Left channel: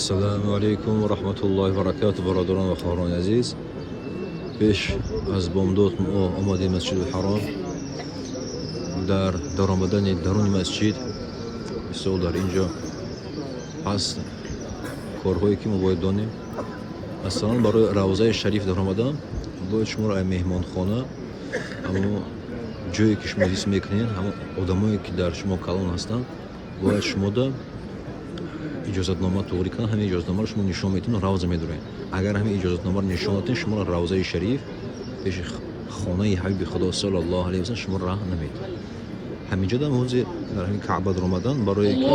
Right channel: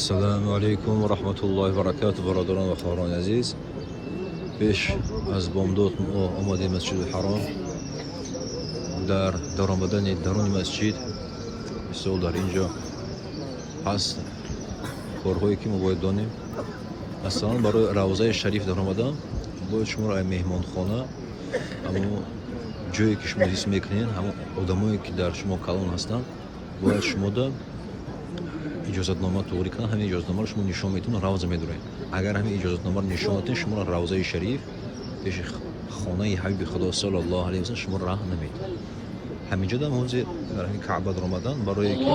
السلام عليكم ورحمة الله وبركاته برادران و خواهران عزیز. پیش از بامداد ما آمدیم مسجد الحرام. در آمدن درون مسجد مثال در اینجا هست کارهایی که ما باید دانیم. مثلا برای روضه شریف در آمدن باید شما را مهمان خانه اما جایی که شما دیس میکنین همه آدمایی که در شما کلان هستن باید شما دا اجازتنامه توری کنن. همین اجازتنامه رو شما نشان میتونن روضه میدونین. اگر همین اجازتنامه رو نشان ندین شما را روضه شریف پیش خانه حبیب خدا صلی الله علیه و سلم شما راه نمیدن. همینجا در موضع در همین کعبه در آمدن برای که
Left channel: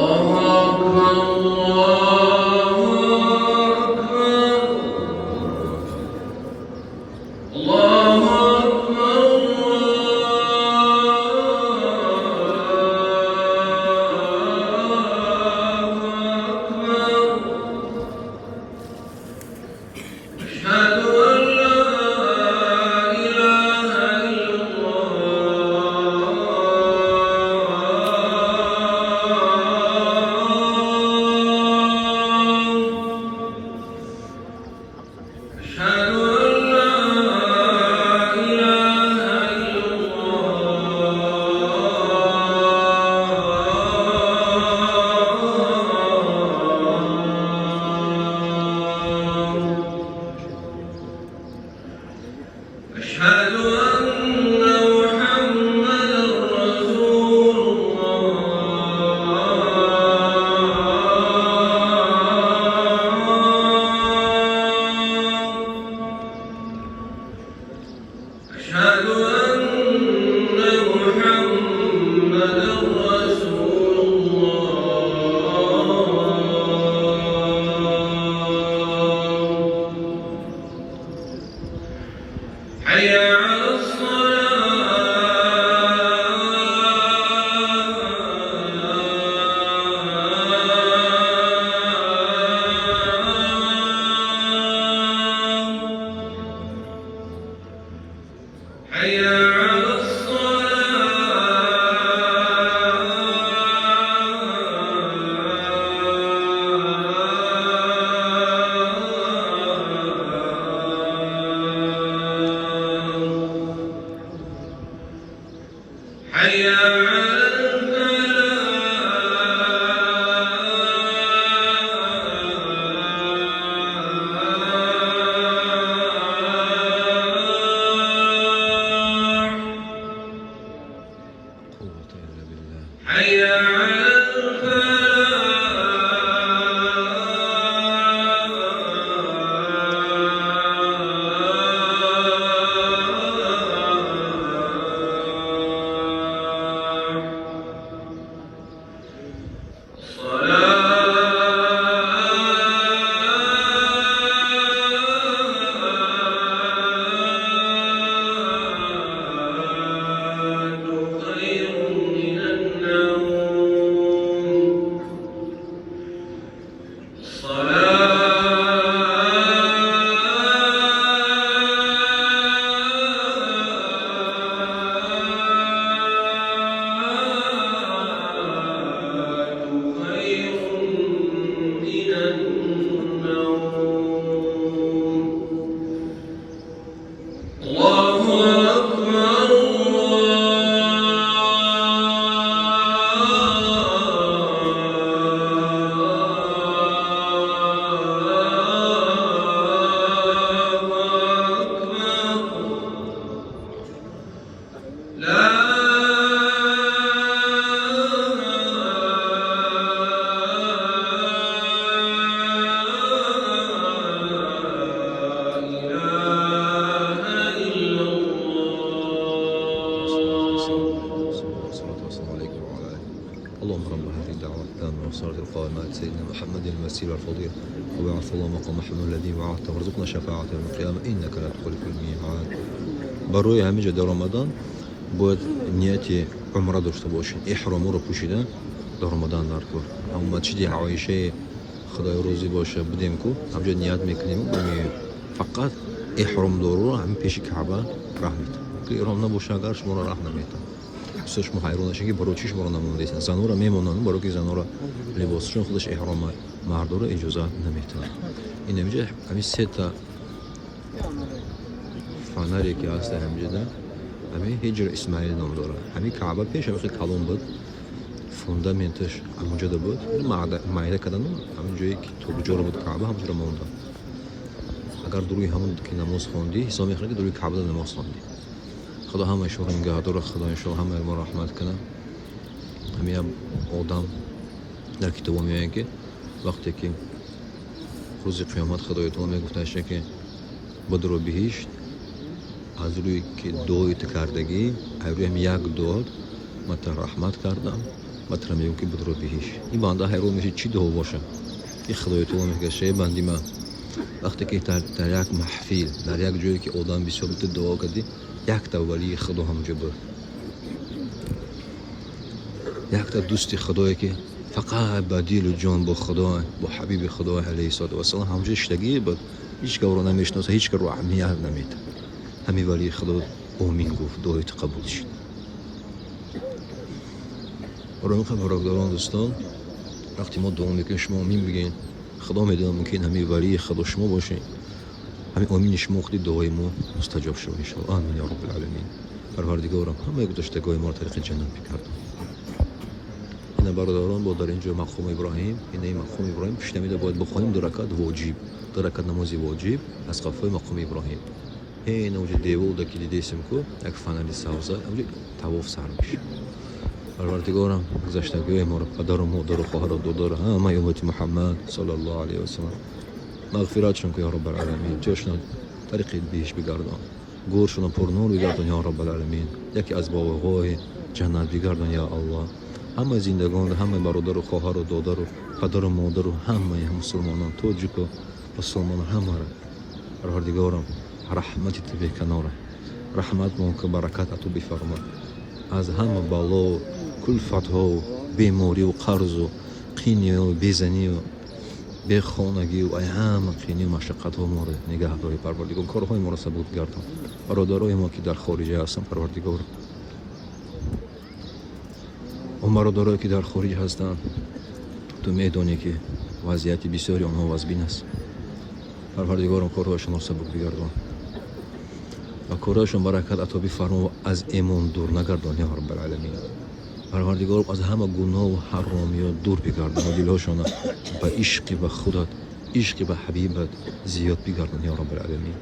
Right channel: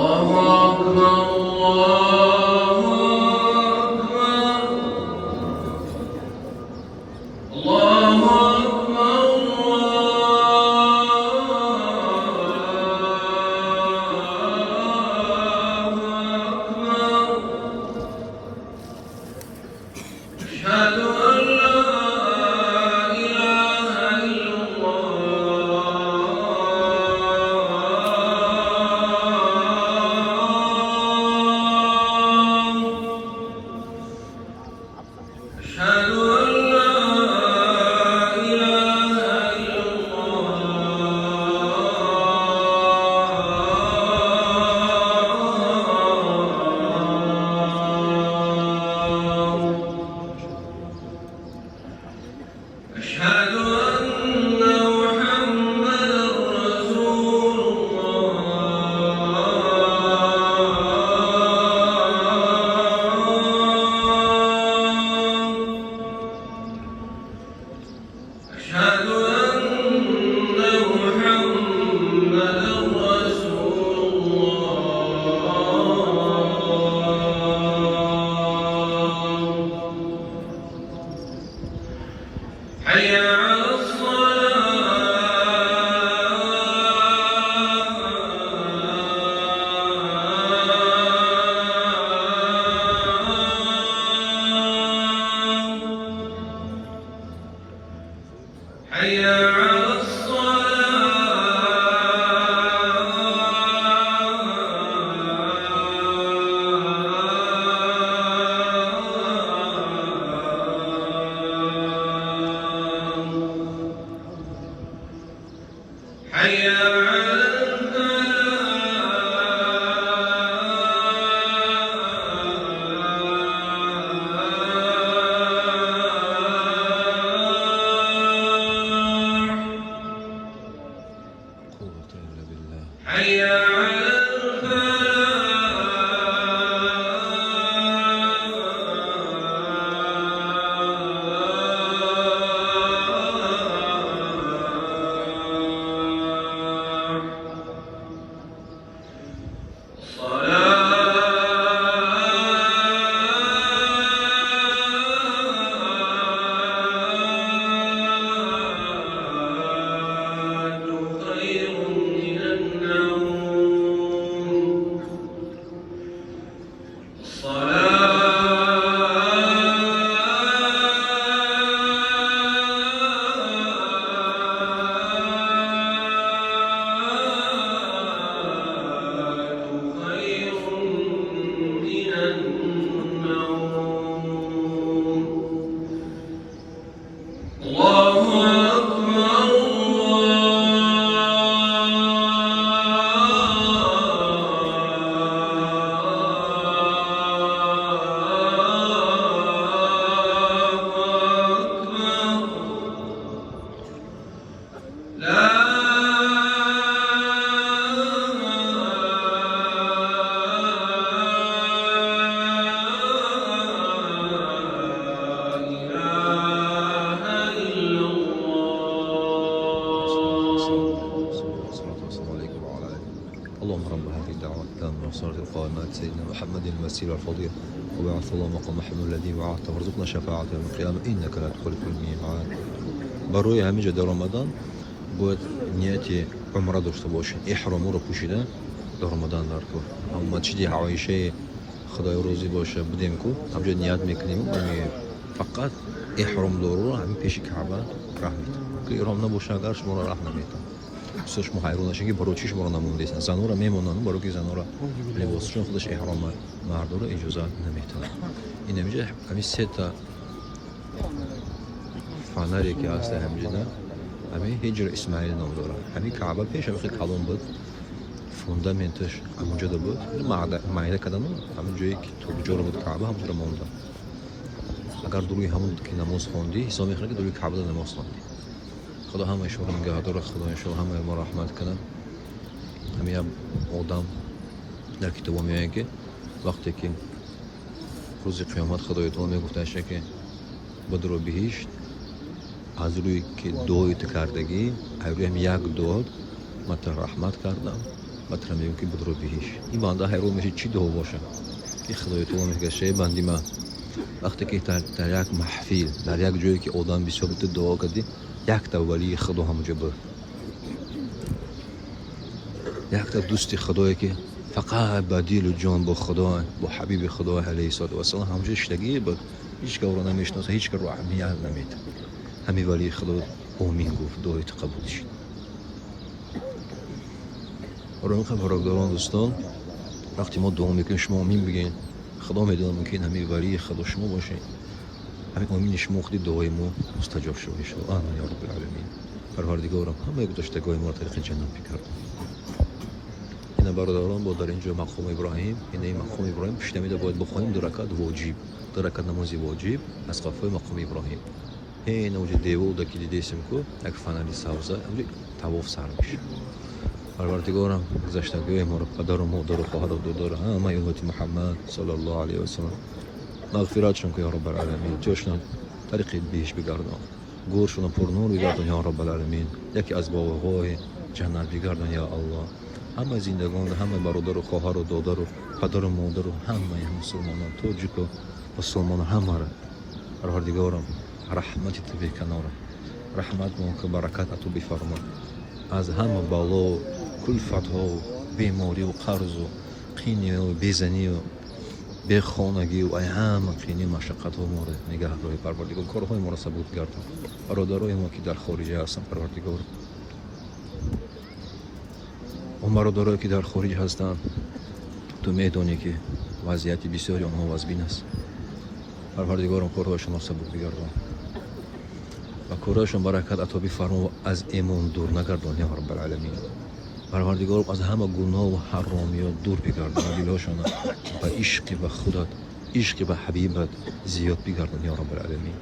اللهم رب هذه الدعوة التامة والصلاة القائمة سيدنا محمد المسير الفضيل وبعث الله مقام محمد الذي وعدته وارزقنا شفاعته يوم القيامة إنك لا تخلف الميعاد. برای همینجا در رمضان باید نیت عمره داشته باشین. احرام رو پوشیدن در رمضان در کار. هم مسجد عایشه خدای روزی باشه بودیم کو همجا نیت میکنیم فقط احرام دارو رو همین پیش کعبه راه میتن. که احرام نباشه اگر شما را راه نمیتن. دوست شما حیران نشین که برای چی شما رو نموندید زنو رو میمونن برای که زنو رو لباسشون خودش احرام مردا رو اجازه نمیده این نمیشه همین سه تا فنری که هست همینجا همین هجر اسماعیل نام داره همین کعبه پیش همین کلام بود فوندامنتش همونجا بود معده کردن همین جایی که تو جور بود کعبه همونجا مونده اگر دروی همون که نماز خوندی حساب میکنه که دروی کعبه نماز خوندی خدا همه شما رو نگهدار خدا ان شاء الله همه ما رحمت کنه همین آدم در کتاب میگه که وقتی که روز قیامت خدای تعالی میگفتش که بدرو بهشت از روی که دویت کردگی روی هم یک داد من رحمت کردم و ترا میگم که بدرو بهشت این بنده هر روز میشه چی دو باشه این خدای تعالی میگه شی بندی من وقتی که در یک محفل در یک جایی که آدم بسیار بود دعا کردی یک تا ولی خدا همونجا بود یک تا دوست خدایی که فقط بدیل و جان با خدا با حبیب خدا علیه السلام همونجا اشتگی بود هیچ که او رو نمیشناسه هیچ که رو اهمیت نمیده همین ولی خدا آمین گفت دعایت قبول شد برای این برادران دوستان وقتی ما دعا میکنیم شما آمین بگین خدا میدونه ممکن همین ولی خدا شما باشه همین آمین شما خودی دعای ما مستجاب شد ان شاء الله آمین یا رب العالمین پروردگارم همه گذشتگان ما رو طریق جنت بکرد این برادران با در اینجا مقام ابراهیم این مقام ابراهیم پشتمیده باید بخونیم دو رکعت واجب دو رکعت نماز واجب از قفای مقام ابراهیم این اوج دیوال که دیدیم که یک فنری سبز اوج طواف سر میشه پروردگارم گذشتگان ما رو پدر و مادر و خواهر و دادر همه امت محمد صلی الله علیه و سلم مغفرتشون که یا رب العالمین جاشون طریق بهش بگردان گورشون پر نور بگردان یا رب العالمین یکی از باغ‌های جنت بگردان یا الله همه زندگان همه برادر و خواهر و دادر و پدر و مادر و همه مسلمانان تاجیک و مسلمان همه را پروردگارم رحمتی تو به کنار رحمت مون که برکت تو بفرما از همه بلا و کلفت ها و بیماری و قرض و قینی و بیزنی و به خانگی و همه قینی مشقت ها ما رو نگه داری پروردگار کارهای ما رو ثبوت گردان برادرای ما که در خارج هستن پروردگار و برادرایی که در خارج هستن تو میدونی که وضعیت بسیاری آنها وضبین است پروردگارم کارهایشان را ثبوت بگردان و کارهایشان برکت عطا بفرما و از ایمان دور نگردان یا رب العالمین پروردگارم از همه گناه و حرامیات دور بگردان و دلهاشان به عشق به خودت عشق به حبیبت زیاد بگردان یا رب العالمین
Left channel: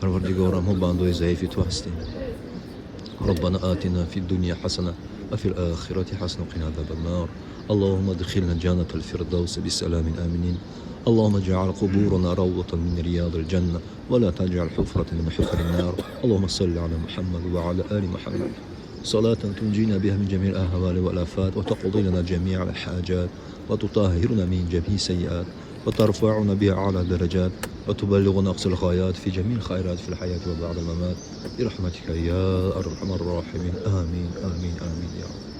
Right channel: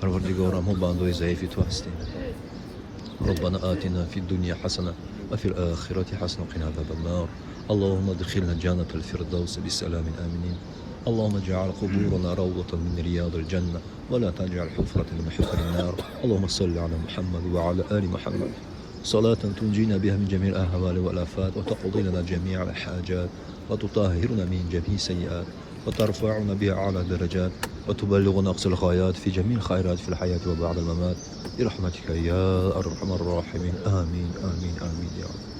پروردگارم ما بندای ضعیف تو هستیم ربنا آتنا في الدنيا حسنة وفي الآخرة حسنة وقنا عذاب النار اللهم ادخلنا جنة الفردوس بسلام آمنين اللهم اجعل قبورنا روضة من رياض الجنة ولا تجعل حفرة من حفر النار اللهم صل على محمد وعلى آل محمد صلاة تنجينا بها من جميع الأهوال والآفات وتقضي لنا جميع الحاجات وتطهرنا من جميع السيئات وترفعنا بها أعلى الدرجات وتبلغنا أقصى الغايات في جميع الخيرات في الحياة وبعد الممات برحمتك يا أرحم الراحمين آمين آمين آمين يا رب.